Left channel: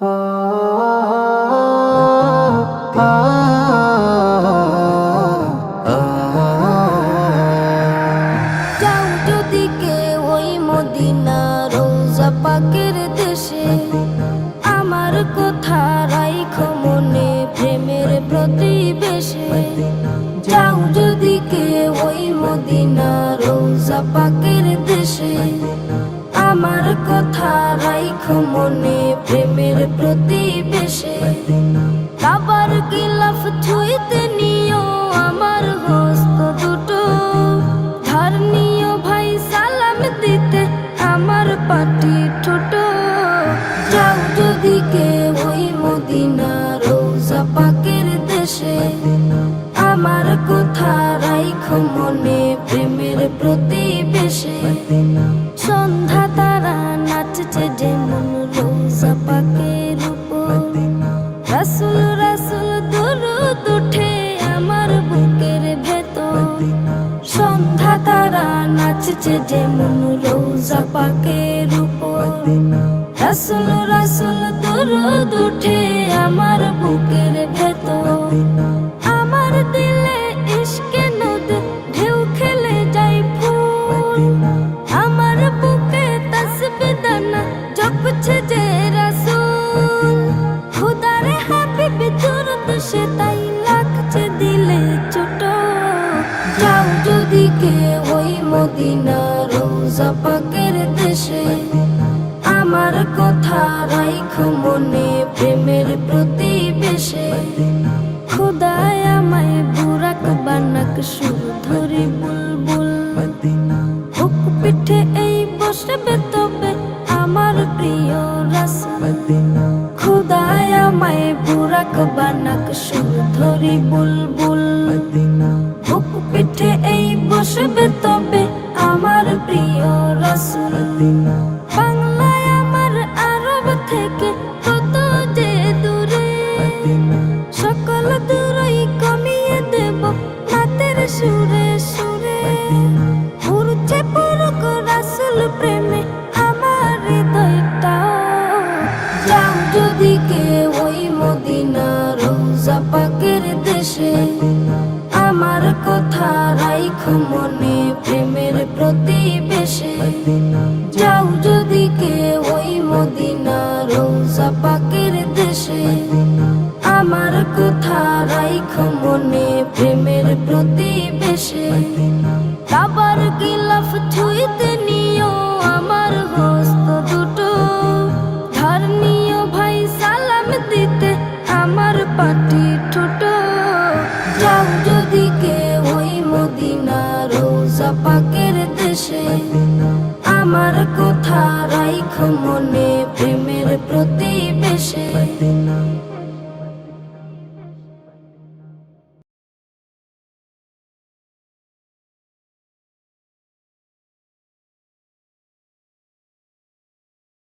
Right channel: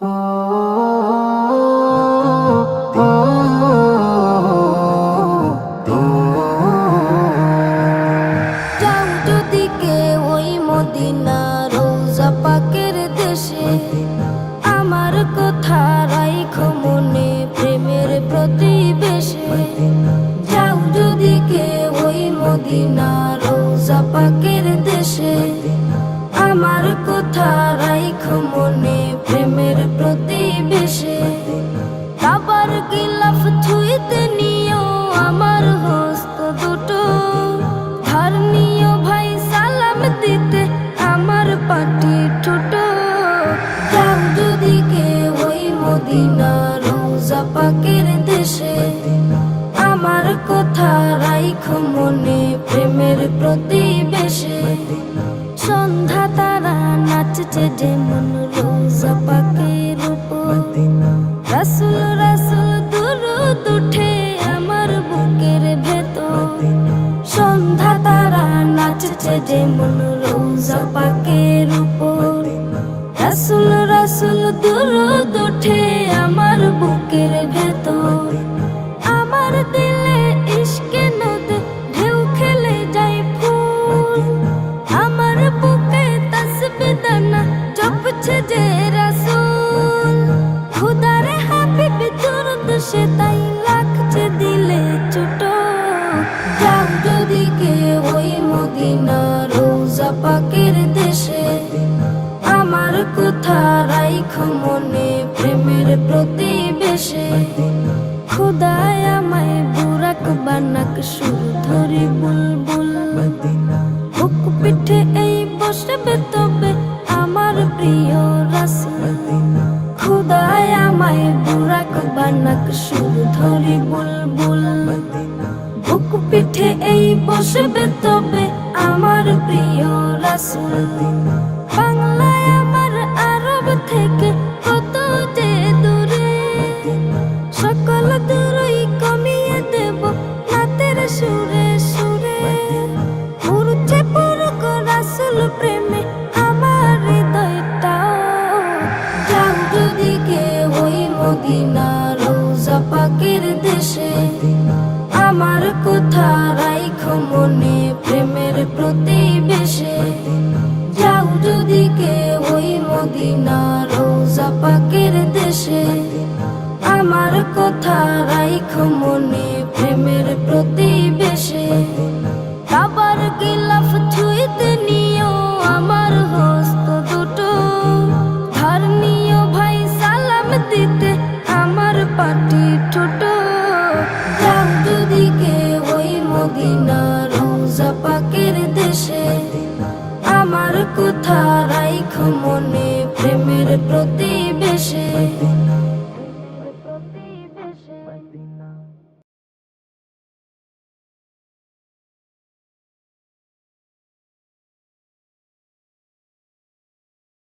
যাও যদি কেউ ওই মদিনা রোজা পাকের দেশে, আমার কথা রাইখো মনে প্রেমের প্রতিবেশে। যাও যদি কেউ ওই মদিনা রোজা পাকের দেশে, আমার কথা রাইখো মনে প্রেমের প্রতিবেশে। কাবার গিলাফ ছুঁইতে নিও আমার হস্ত দুটো, ধার নিও ভাই সালাম দিতে আমার পাটি ঠোঁটো। যাও যদি কেউ ওই মদিনা রোজা পাকের দেশে, আমার কথা রাইখো মনে প্রেমের প্রতিবেশে। সন্ধ্যা তারা নাচছে যেমন রোজা পাকের উপর, রাসূল রাসূল দুরূদ উঠে আমার বুকের ভেতর। সন্ধ্যা তারা নাচছে যেমন রোজা পাকের উপর, রাসূল রাসূল দুরূদ উঠে আমার বুকের ভেতর। আমার দিলে ইশকে নদে ঢেউ খেলে যায় ফুল, আমার বুকে তাসবিহ দানা জপছে যে রাসূল। খুদারে হাবিব দুরূদ সে তাই লাগছে দিলে ছোট। যাও যদি কেউ ওই মদিনা রোজা পাকের দেশে, আমার কথা রাইখো মনে প্রেমের প্রতিবেশে। খুদায় আমায় বুরাক বানাক সুর ধরি বুলবুল, বুক পিঠে এই বসবে তবে আমার প্রিয় রাসূল। খুদায় আমায় বুরাক বানাক সুর ধরি বুলবুল, বুক পিঠে এই বসবে তবে আমার প্রিয় রাসূল। বাংলায় আমার আরব থেকে কত যে দূরে, সকল দূরই কমিয়ে দেব নাতের সুরে সুরে। উড়ছে পুরুক রাসূল প্রেমে আমার হৃদয়টা। যাও যদি কেউ ওই মদিনা রোজা পাকের দেশে, আমার কথা রাইখো মনে প্রেমের প্রতিবেশে। যাও যদি কেউ ওই মদিনা রোজা পাকের দেশে, আমার কথা রাইখো মনে প্রেমের প্রতিবেশে। কাবার গিলাফ ছুঁইতে নিও আমার হস্ত দুটো, ধার নিও ভাই সালাম দিতে আমার পাটি ঠোঁটো। যাও যদি কেউ ওই মদিনা রোজা পাকের দেশে, আমার কথা রাইখো মনে প্রেমের প্রতিবেশে।